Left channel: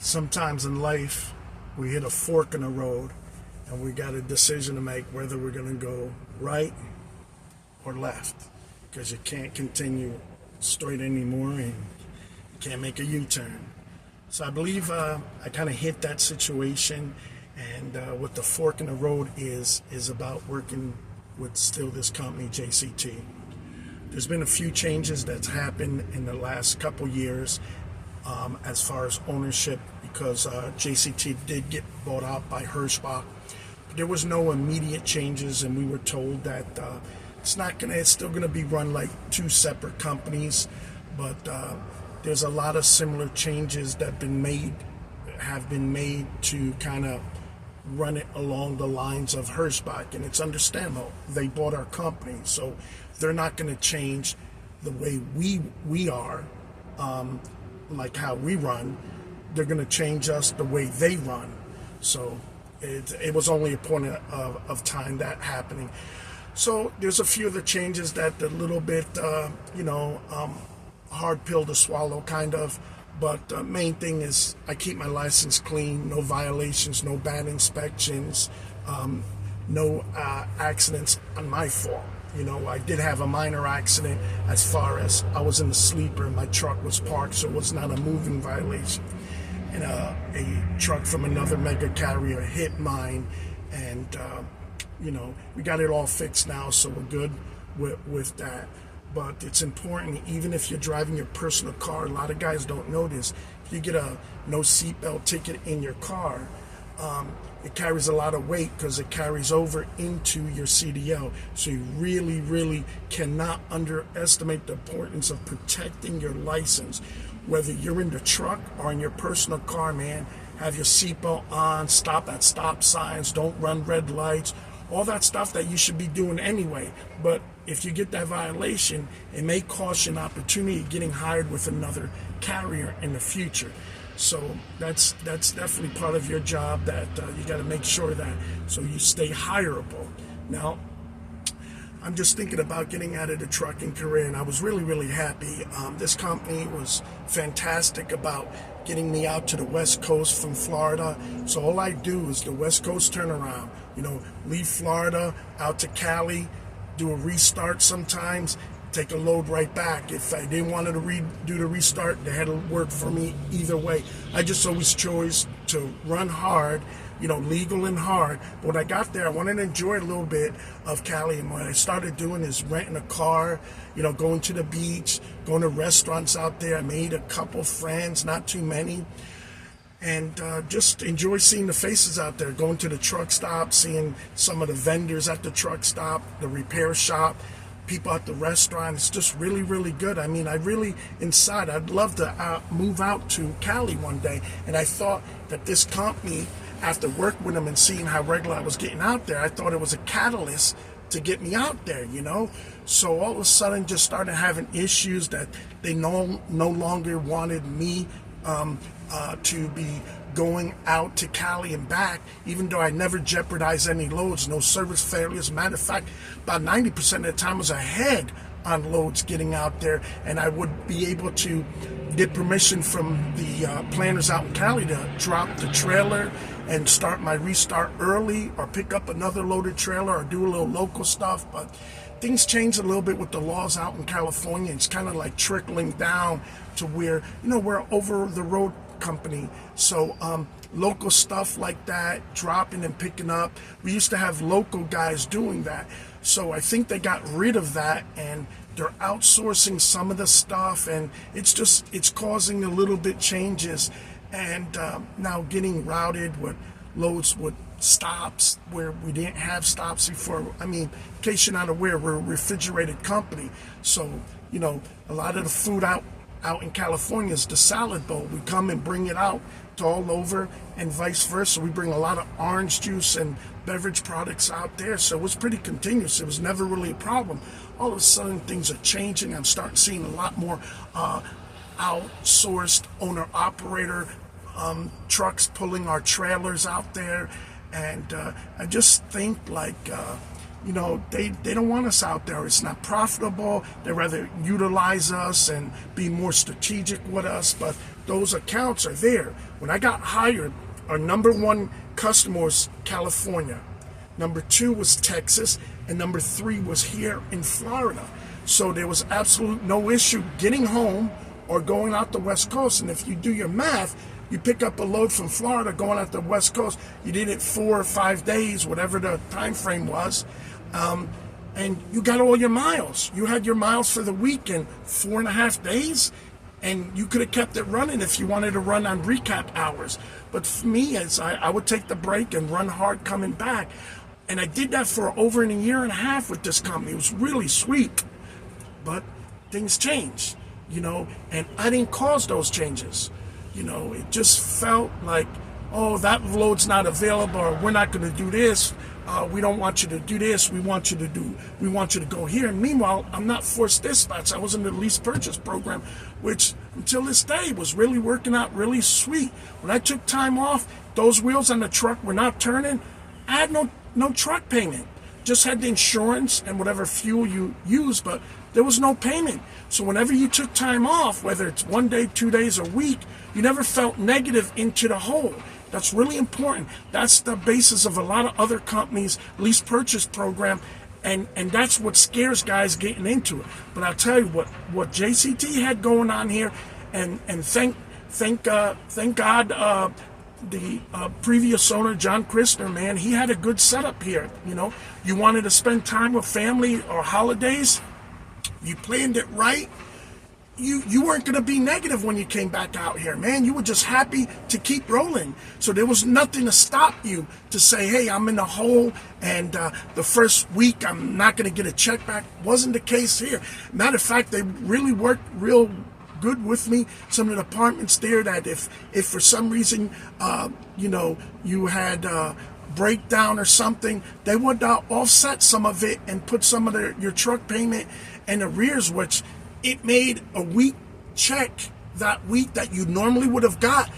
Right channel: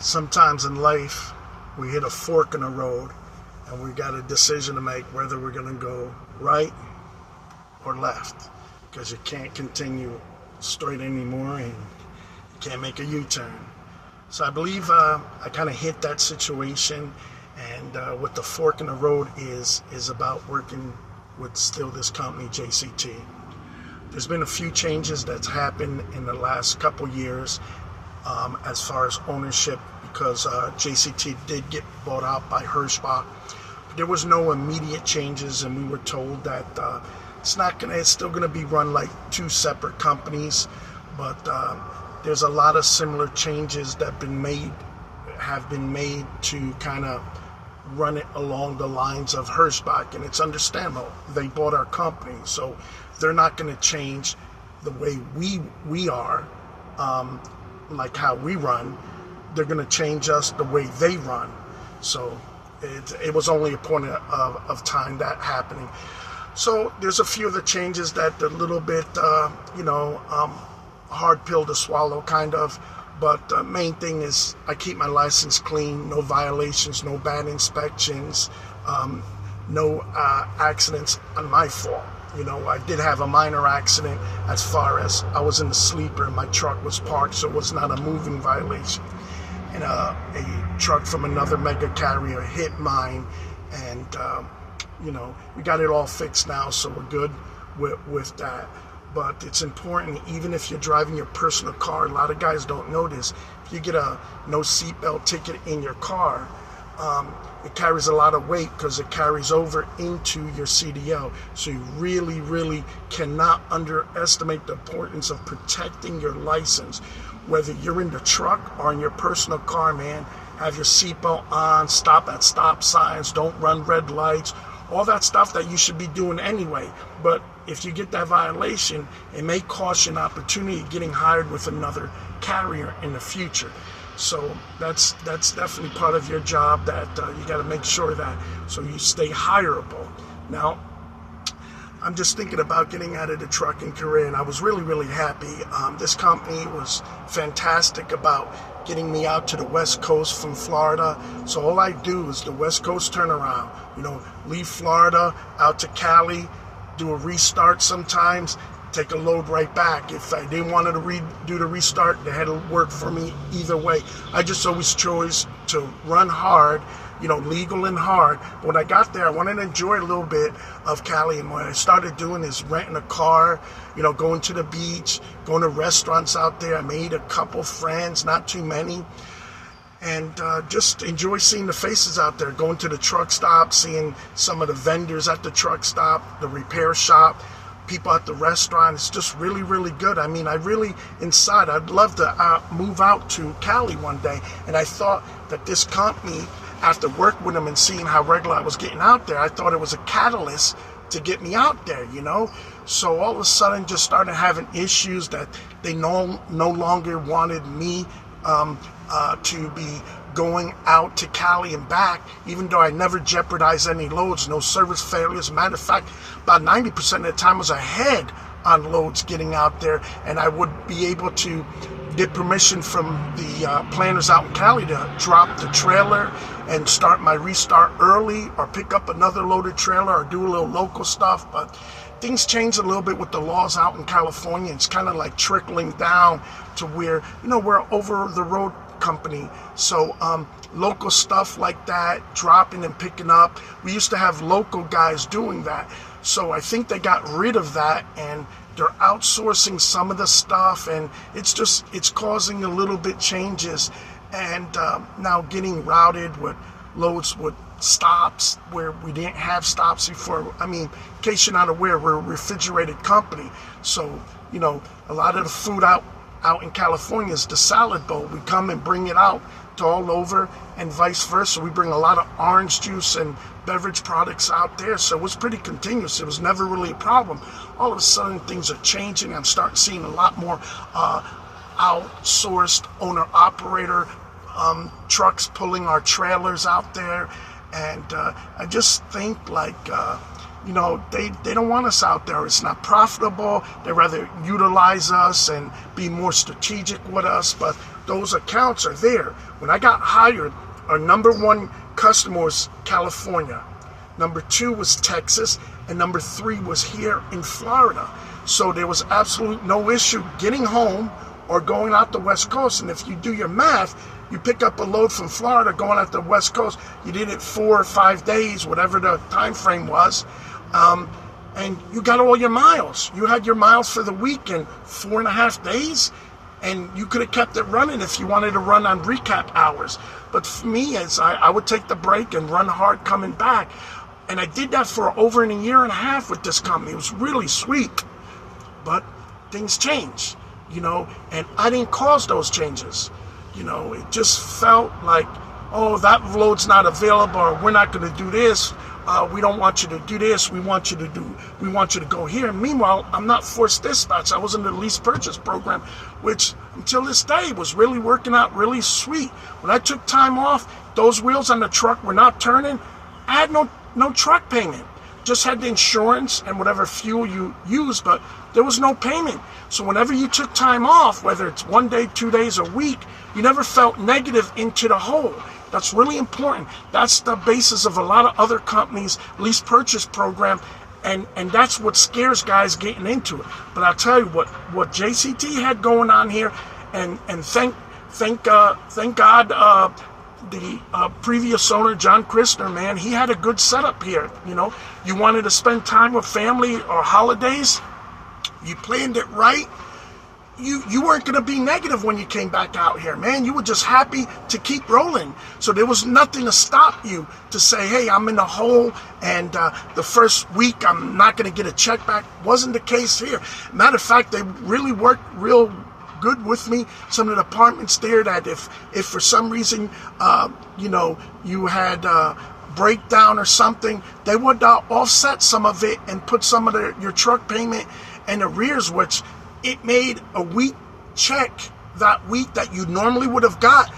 Sometimes in life, we hit a fork in the road and we got a decision to make whether we're going to go right or left, because you can't continue straight anymore and you can't make a U-turn. So I believe I kind of hit that situation, and what the fork in the road is about working with still this company, JCT. There's been a few changes that's happened in the last couple years as far as ownership, because JCT did get bought out by Hirschbach. But there was no immediate changes, and we were told that it's still gonna be run like two separate companies, but there's a lot of similar changes that have been made to kind of run it along the lines of Hirschbach, and it's understandable. They bought our company, so they're not going to change the way we are, like how we run. They're going to change us the way they run. So it was only a point of time that happening. So there's a few of the changes that are a little bit, hard pill to swallow, kind of. But the main thing is I keep my license clean, no violations, no bad inspections, no accidents on my fault. I did have a minor accident as far as I was in the sleeper and my truck was parked, so it was not a moving violation. And a truck from another mega carrier hit mine, and we got it all fixed now, so we're good with that. But it's important, even if you're driving your personal car, a lot of guys don't know this. If you get a no seatbelt ticket in your car, it carries a lot of weight because it carries over into your CDL. So you really, really cannot underestimate the importance of protecting your license. Whether you're in the truck or in your personal car, man, have your seatbelt on, stop at stop signs, don't run red lights, all that stuff that you should be doing anyway. But if you get that violation, it may cost you an opportunity of getting hired with another carrier in the future. So that's definitely part of your job, that you got to make sure that, so you stay hireable. Now, I'm just thinking about getting out of the trucking career, and I was really, really happy. This company was fantastic about getting me out to the West Coast from Florida. So all I do is the West Coast turnaround, leave Florida out to Cali, do a restart sometimes, take a load right back. If I didn't want to do the restart, they had to work for me either way. I just always chose to run hard, legal and hard. But when I got there, I wanted to enjoy a little bit of Cali, and what I started doing is renting a car, going to the beach, going to restaurants out there. I made a couple friends, not too many, and just enjoy seeing the faces out there, going to the truck stop, seeing some of the vendors at the truck stop, the repair shop, people at the restaurant. It's just really, really good. I mean, I'd love to move out to Cali one day, and I thought that this company, after working with them and seeing how regular I was getting out there, I thought it was a catalyst to get me out there, So all of a sudden just started having issues that they no longer wanted me to be going out to Cali and back, even though I never jeopardized any loads, no service failures. Matter of fact, about 90% of the time I was ahead on loads getting out there, and I would be able to get permission from the planners out in Cali to drop the trailer and start my restart early, or pick up another loaded trailer, or do a little local stuff. But things changed a little bit with the laws out in California. It's kind of like trickling down to where, we're over the road company. So local stuff like that, dropping and picking up. We used to have local guys doing that. So I think they got rid of that, and they're outsourcing some of the stuff, and it's causing a little bit changes. And now getting routed with loads with stops where we didn't have stops before. I mean, in case you're not aware, we're a refrigerated company. So, a lot of the food out in California is the salad bowl. We come and bring it out to all over, and vice versa. We bring a lot of orange juice and beverage products out there. So it was pretty continuous. It was never really a problem. All of a sudden, things are changing. I'm starting seeing a lot more outsourced owner-operator trucks pulling our trailers out there. And I just think they don't want us out there. It's not profitable. They rather utilize us and be more strategic with us. But those accounts are there. When I got hired, our number one customer was California. Number 2 was Texas, and number 3 was here in Florida. So there was absolutely no issue getting home or going out the West Coast. And if you do your math, you pick up a load from Florida going out the West Coast, you did it 4 or 5 days, whatever the time frame was, and you got all your miles. You had your miles for the week in 4.5 days, and you could have kept it running if you wanted to run on recap hours. But for me, as I would take the break and run hard coming back. And I did that for over 1.5 years with this company. It was really sweet. But things change, and I didn't cause those changes. It just felt like, oh, that load's not available, or we're not going to do this. We don't want you to do this. We want you to go here. Meanwhile, I'm not forced dispatch. I was in the lease purchase program, which until this day was really working out really sweet. When I took time off, those wheels on the truck were not turning. I had no truck payment. Just had the insurance and whatever fuel you use, but there was no payment. So whenever you took time off, whether it's 1 day, 2 days, a week, you never felt negative into the hole. That's really important. That's the basis of a lot of other companies' lease purchase program, and that's what scares guys getting into it. But I'll tell you what JCT had going on here, and thank God, the previous owner, John Christner, man, he had a good setup here. You wanted to spend time with family or holidays, you planned it right. You weren't going to be negative when you came back out here, man. You were just happy to keep rolling. So there was nothing to stop you to say, hey, I'm in the hole, and the first week I'm not going to get a check back. Wasn't the case here. Matter of fact, they really worked real good with me. Some of the departments there, that if for some reason you had breakdown or something, they would offset some of it and put some of your truck payment and arrears, which it made a week check that week that you normally would have got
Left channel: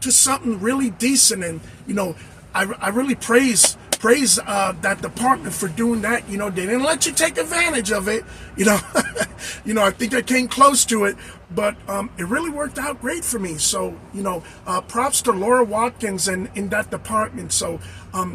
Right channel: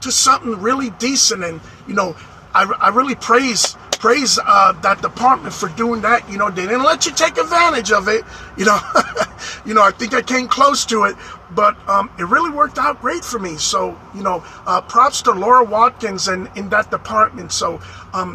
to something really decent. And I really praise that department for doing that. They didn't let you take advantage of it. I think I came close to it, but it really worked out great for me. So, props to Laura Watkins and in that department. So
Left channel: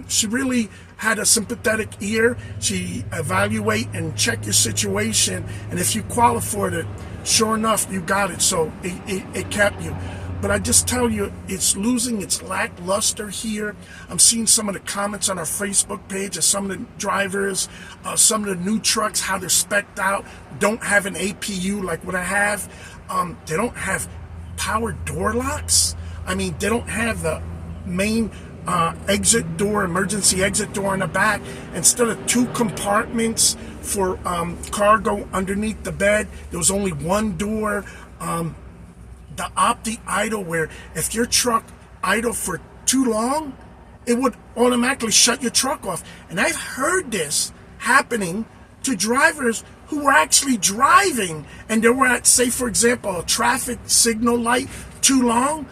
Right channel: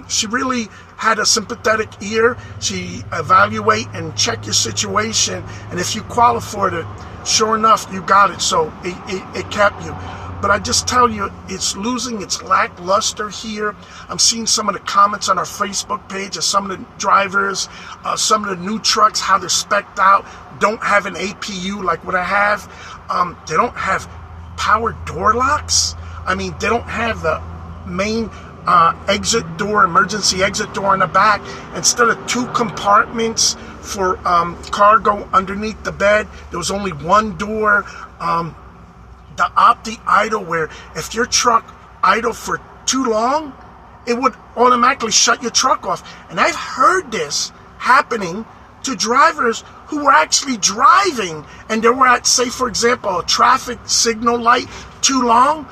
she really had a sympathetic ear. She evaluate and check your situation, and if you qualify for it, sure enough, you got it. So it kept you. But I just tell you, it's losing its lackluster here. I'm seeing some of the comments on our Facebook page of some of the drivers, some of the new trucks, how they're spec'd out, don't have an APU like what I have. They don't have power door locks. I mean, they don't have the main exit door, emergency exit door in the back. Instead of 2 compartments for cargo underneath the bed, there was only 1 door. The Opti idle, where if your truck idle for too long, it would automatically shut your truck off. And I've heard this happening to drivers who were actually driving, and they were at, say, for example, a traffic signal light too long.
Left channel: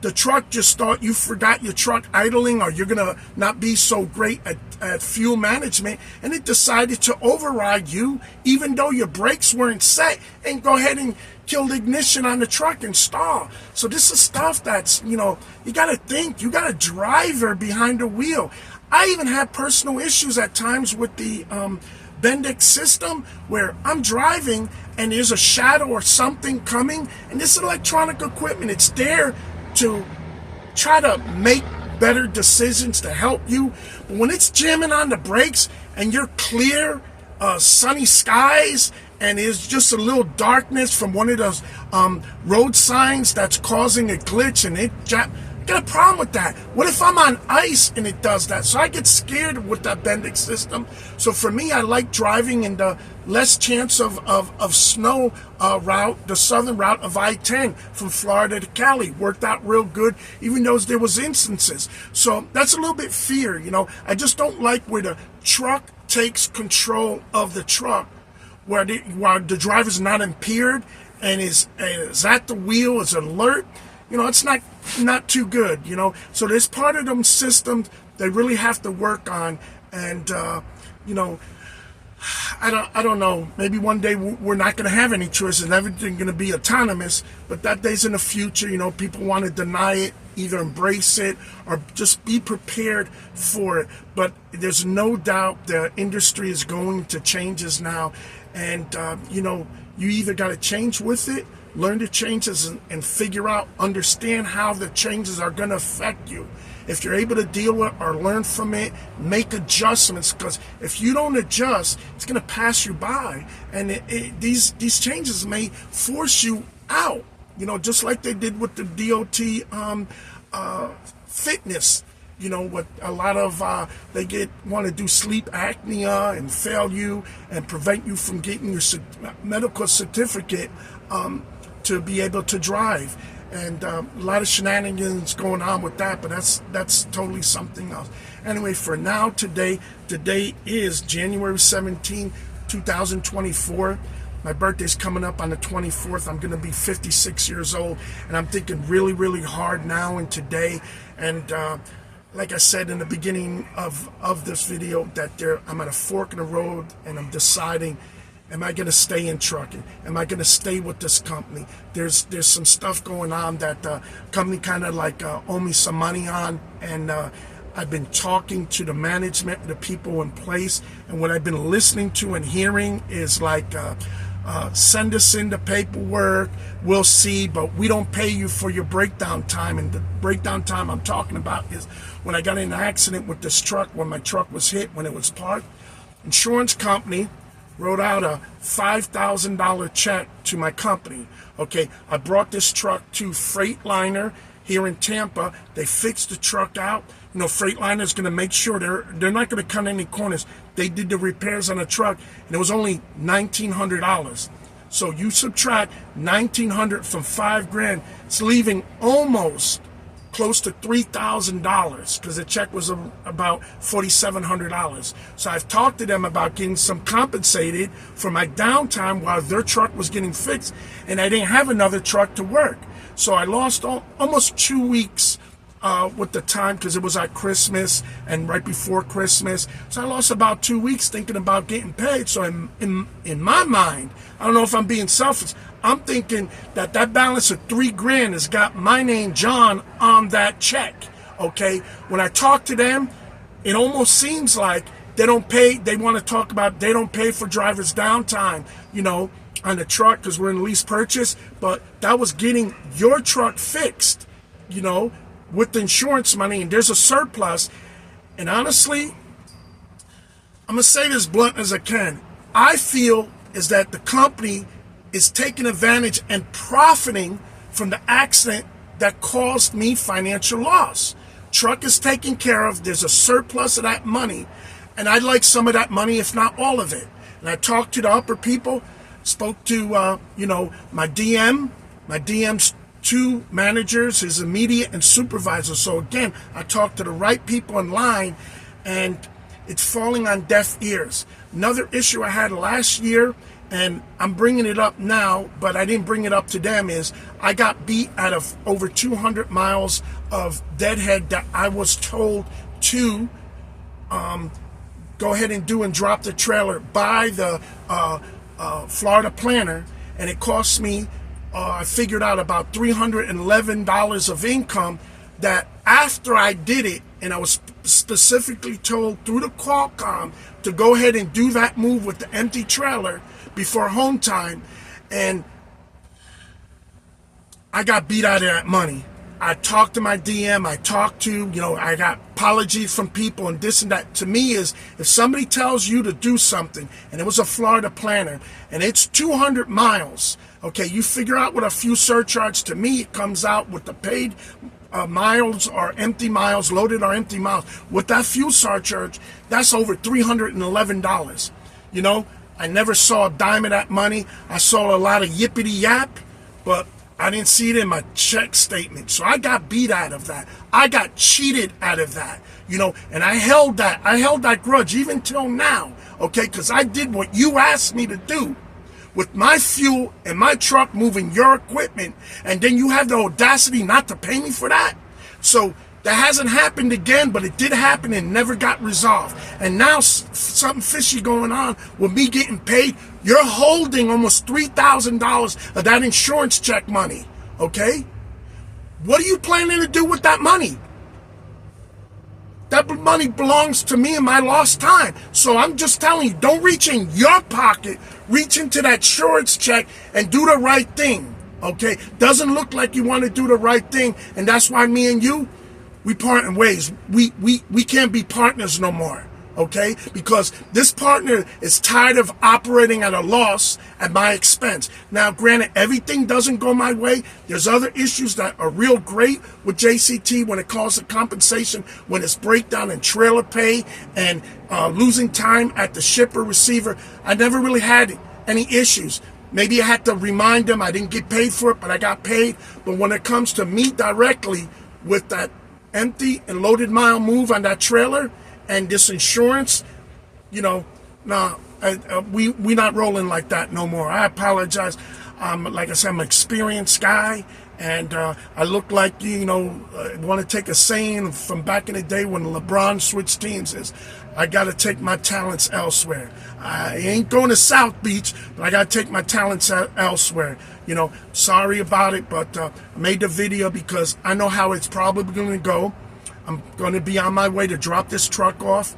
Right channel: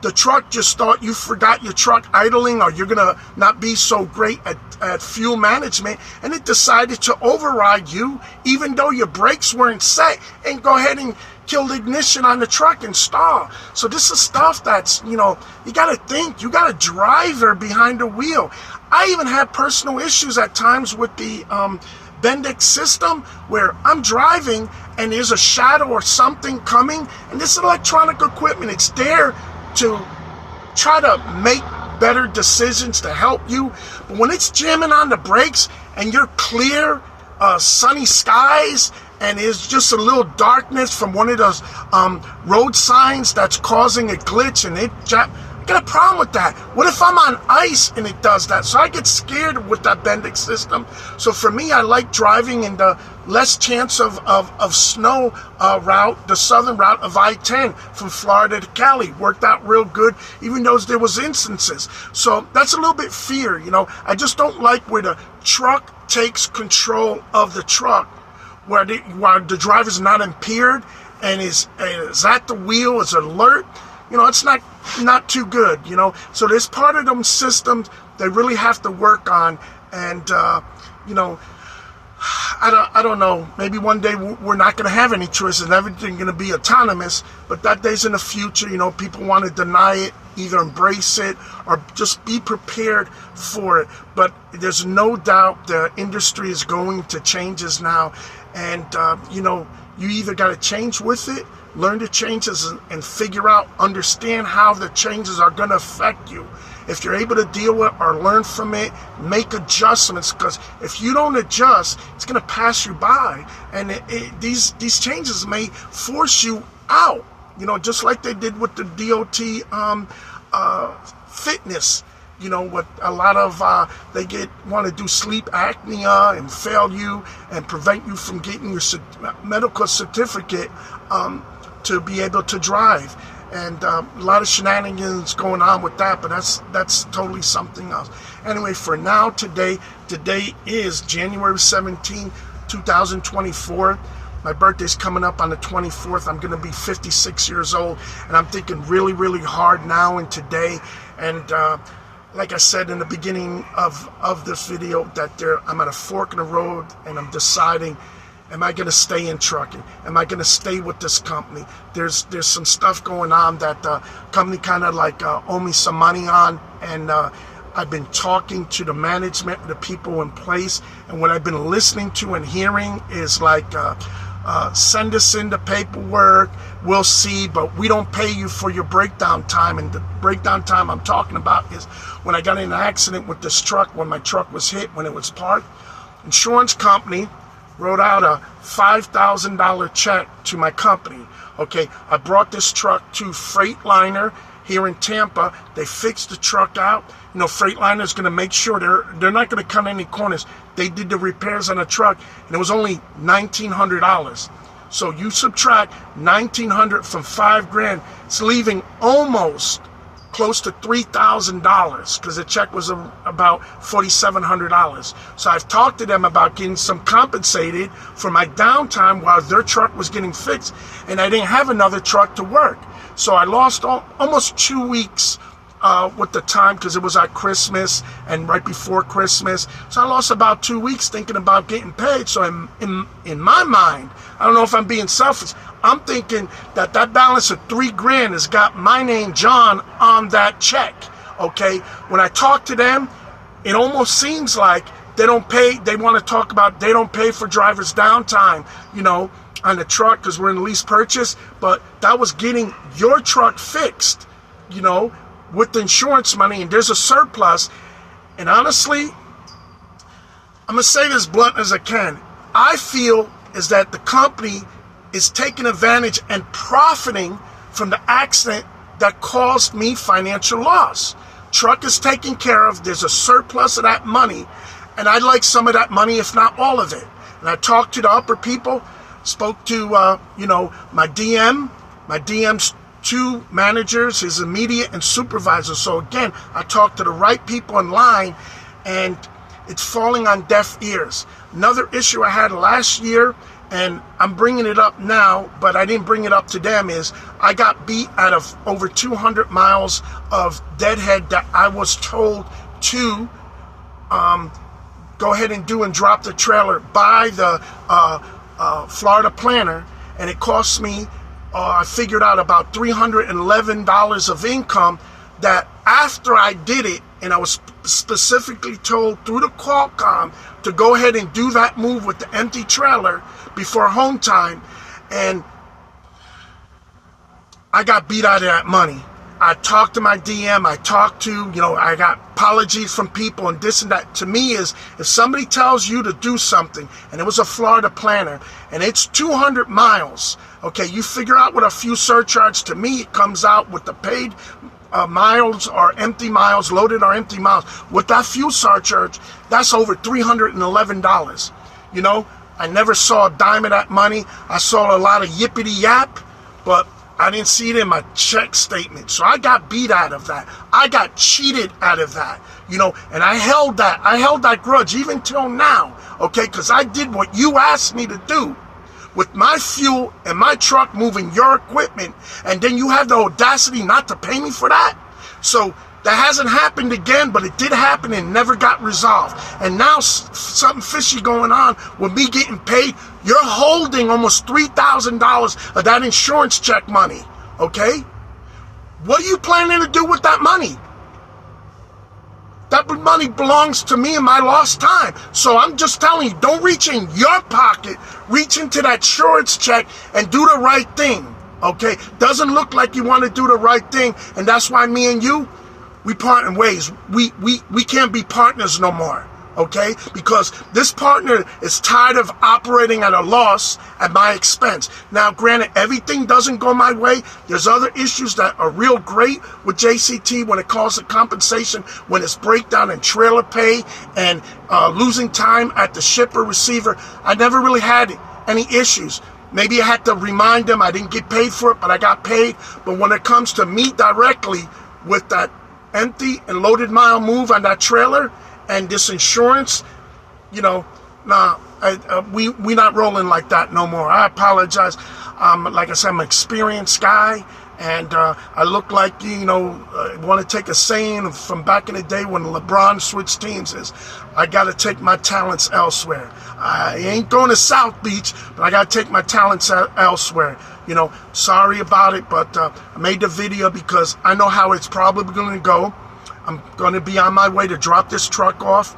The truck just thought you forgot your truck idling, or you're going to not be so great at fuel management, and it decided to override you, even though your brakes weren't set, and go ahead and kill the ignition on the truck and stall. So this is stuff that's, you got to think. You got a driver behind the wheel. I even had personal issues at times with the Bendix system, where I'm driving and there's a shadow or something coming, and this electronic equipment, it's there to try to make better decisions to help you. But when it's jamming on the brakes and you're clear, sunny skies, and there's just a little darkness from one of those road signs that's causing a glitch, and I got a problem with that. What if I'm on ice and it does that? So I get scared with that Bendix system. So for me, I like driving in the less chance of snow route, the southern route of I-10 from Florida to Cali. Worked out real good, even though there was instances. So that's a little bit fear, I just don't like where the truck takes control of the truck, where the driver's not impaired and is at the wheel, is alert. It's not too good, So there's part of them systems they really have to work on. And, I don't know. Maybe one day we're not going to have any choices and everything's going to be autonomous, but that day's in the future. People want to deny it, either embrace it or just be prepared for it. But there's no doubt the industry is going to changes now. And, you either got to change with it, learn the changes and figure out, understand how the changes are going to affect you. If you're able to deal with or learn from it, make adjustments, because if you don't adjust, it's going to pass you by. And these changes may force you out, just like they did with the DOT fitness. What a lot of they want to do sleep apnea and fail you and prevent you from getting your medical certificate to be able to drive. And a lot of shenanigans going on with that, but that's totally something else. Anyway, for now, today is January 17, 2024. My birthday's coming up on the 24th. I'm going to be 56 years old, and I'm thinking really, really hard now and today. And like I said in the beginning of this video, that I'm at a fork in the road, and I'm deciding, am I going to stay in trucking? Am I going to stay with this company? There's some stuff going on that the company kind of like owe me some money on, and I've been talking to the management, the people in place, and what I've been listening to and hearing is like, send us in the paperwork, we'll see, but we don't pay you for your breakdown time. And the breakdown time I'm talking about is when I got in an accident with this truck, when my truck was hit, when it was parked. Insurance company wrote out a $5,000 check to my company. Okay, I brought this truck to Freightliner here in Tampa. They fixed the truck out. Freightliner's going to make sure they're not going to cut any corners. They did the repairs on the truck, and it was only $1,900. So you subtract $1,900 from $5,000, it's leaving almost close to $3,000, because the check was about $4,700. So I've talked to them about getting some compensated for my downtime while their truck was getting fixed, and I didn't have another truck to work. So I lost almost 2 weeks with the time, because it was at Christmas and right before Christmas. So I lost about 2 weeks thinking about getting paid. So in my mind, I don't know if I'm being selfish, I'm thinking that balance of $3,000 has got my name, John, on that check. Okay, when I talk to them, it almost seems like they don't pay. They want to talk about they don't pay for drivers' downtime, on the truck, because we're in lease purchase. But that was getting your truck fixed, with the insurance money, and there's a surplus. And honestly, I'm gonna say this blunt as I can. I feel is that the company is taking advantage and profiting from the accident that caused me financial loss. Truck is taken care of. There's a surplus of that money, and I'd like some of that money, if not all of it. And I talked to the upper people, spoke to my DM's two managers, his immediate and supervisor. So again, I talked to the right people in line, and it's falling on deaf ears. Another issue I had last year, and I'm bringing it up now, but I didn't bring it up to them, is I got beat out of over 200 miles of deadhead that I was told to go ahead and do and drop the trailer by the Florida planner, and it cost me, I figured out about $311 of income, that after I did it, and I was specifically told through the Qualcomm to go ahead and do that move with the empty trailer before home time, and I got beat out of that money. I talked to my DM, I talked to, I got apologies from people and this and that. To me is, if somebody tells you to do something, and it was a Florida planner, and it's 200 miles, okay, you figure out what a fuel surcharge, to me, it comes out with the paid miles or empty miles, loaded or empty miles. With that fuel surcharge, that's over $311. I never saw a dime of that money. I saw a lot of yippity yap, but I didn't see it in my check statement. So I got beat out of that. I got cheated out of that, and I held that grudge even till now, okay, because I did what you asked me to do with my fuel and my truck moving your equipment, and then you have the audacity not to pay me for that. So That hasn't happened again, but it did happen and never got resolved. And now something fishy going on with me getting paid. You're holding almost $3,000 of that insurance check money, okay? What are you planning to do with that money? That money belongs to me and my lost time. So I'm just telling you, don't reach in your pocket, reach into that insurance check and do the right thing, okay? Doesn't look like you want to do the right thing, and that's why me and you, we part in ways. We can't be partners no more, okay? Because this partner is tired of operating at a loss at my expense. Now, granted, everything doesn't go my way. There's other issues that are real great with JCT when it comes to compensation, when it's breakdown and trailer pay and losing time at the shipper receiver. I never really had any issues. Maybe I had to remind them I didn't get paid for it, but I got paid. But when it comes to me directly with that empty and loaded mile move on that trailer and this insurance, you know, nah, we not rolling like that no more. I apologize. Like I said, I'm an experienced guy, and I look like, you know, want to take a saying from back in the day when LeBron switched teams is, I got to take my talents elsewhere. I ain't going to South Beach, but I got to take my talents elsewhere. You know, sorry about it, but I made the video because I know how it's probably going to go. I'm going to be on my way to drop this truck off.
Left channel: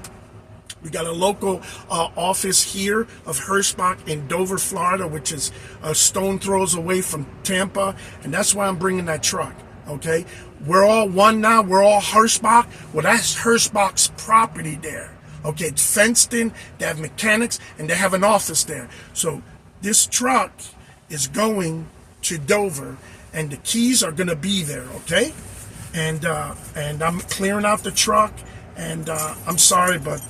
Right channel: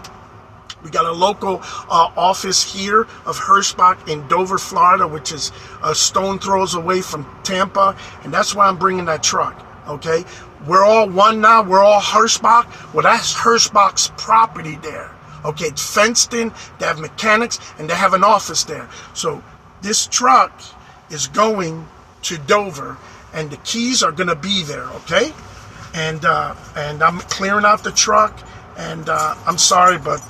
We got a local office here of Hirschbach in Dover, Florida, which is a stone throws away from Tampa, and that's why I'm bringing that truck, okay? We're all one now. We're all Hirschbach. Well, that's Hirschbach's property there, okay? It's fenced in. They have mechanics, and they have an office there. So this truck is going to Dover, and the keys are going to be there, okay? And I'm clearing out the truck, and I'm sorry, but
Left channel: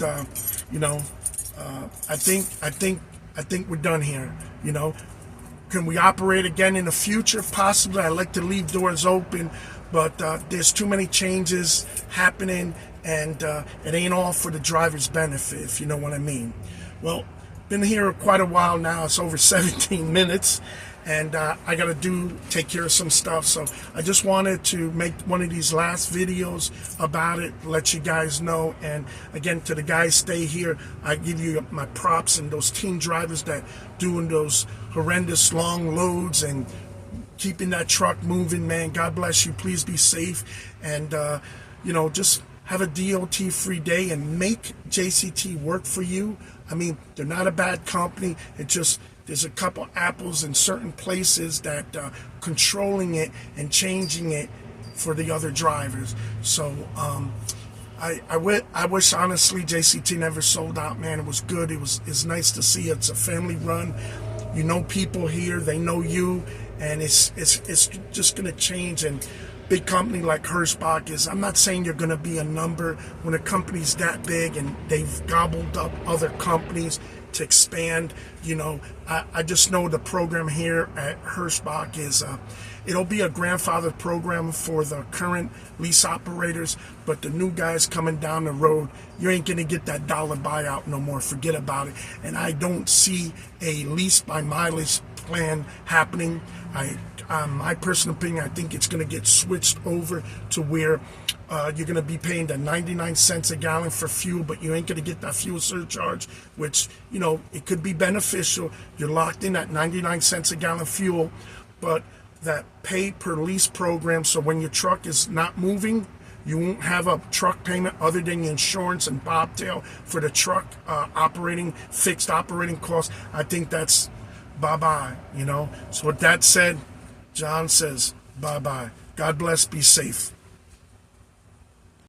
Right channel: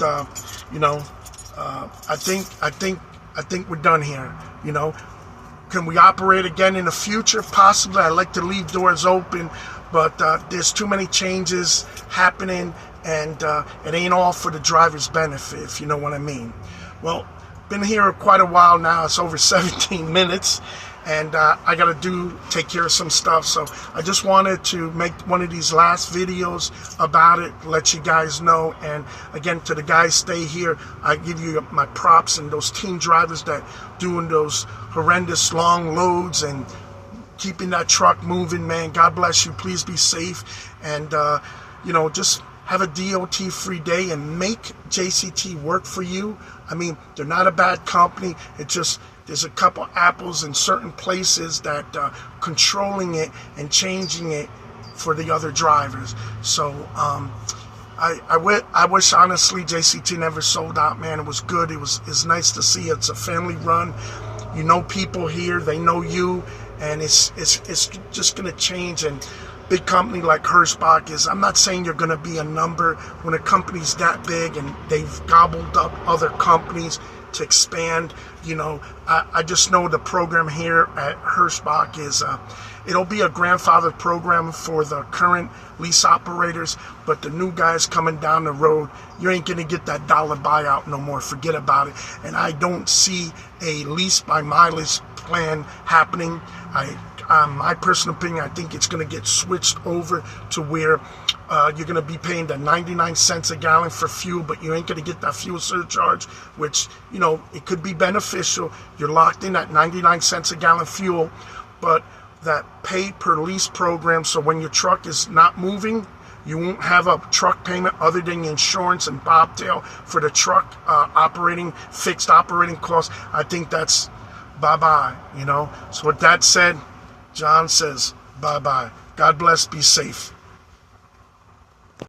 you know, I think we're done here. You know, can we operate again in the future? Possibly. I like to leave doors open, but there's too many changes happening, and it ain't all for the driver's benefit, if you know what I mean. Well, been here quite a while now. It's over 17 minutes. And I got to take care of some stuff. So I just wanted to make one of these last videos about it, let you guys know. And again, to the guys stay here, I give you my props, and those team drivers that doing those horrendous long loads and keeping that truck moving, man. God bless you. Please be safe. And, you know, just have a DOT-free day and make JCT work for you. I mean, they're not a bad company. It just, there's a couple apples in certain places that controlling it and changing it for the other drivers. So I wish honestly JCT never sold out, man. It was good. It's nice to see it's a family run. You know people here, they know you, and it's just gonna change. And big company like Hirschbach is, I'm not saying you're gonna be a number. When a company's that big and they've gobbled up other companies to expand, you know, I just know the program here at Hirschbach is, it'll be a grandfathered program for the current lease operators, but the new guys coming down the road, you ain't gonna get that dollar buyout no more. Forget about it. And I don't see a lease by mileage plan happening. My personal opinion, I think it's going to get switched over to where you're going to be paying the 99 cents a gallon for fuel, but you ain't going to get that fuel surcharge, which, you know, it could be beneficial. You're locked in at 99 cents a gallon fuel, but that pay per lease program, so when your truck is not moving, you won't have a truck payment other than the insurance and bobtail for the truck fixed operating costs. I think that's bye-bye, you know. So with that said, John says bye-bye. God bless, be safe.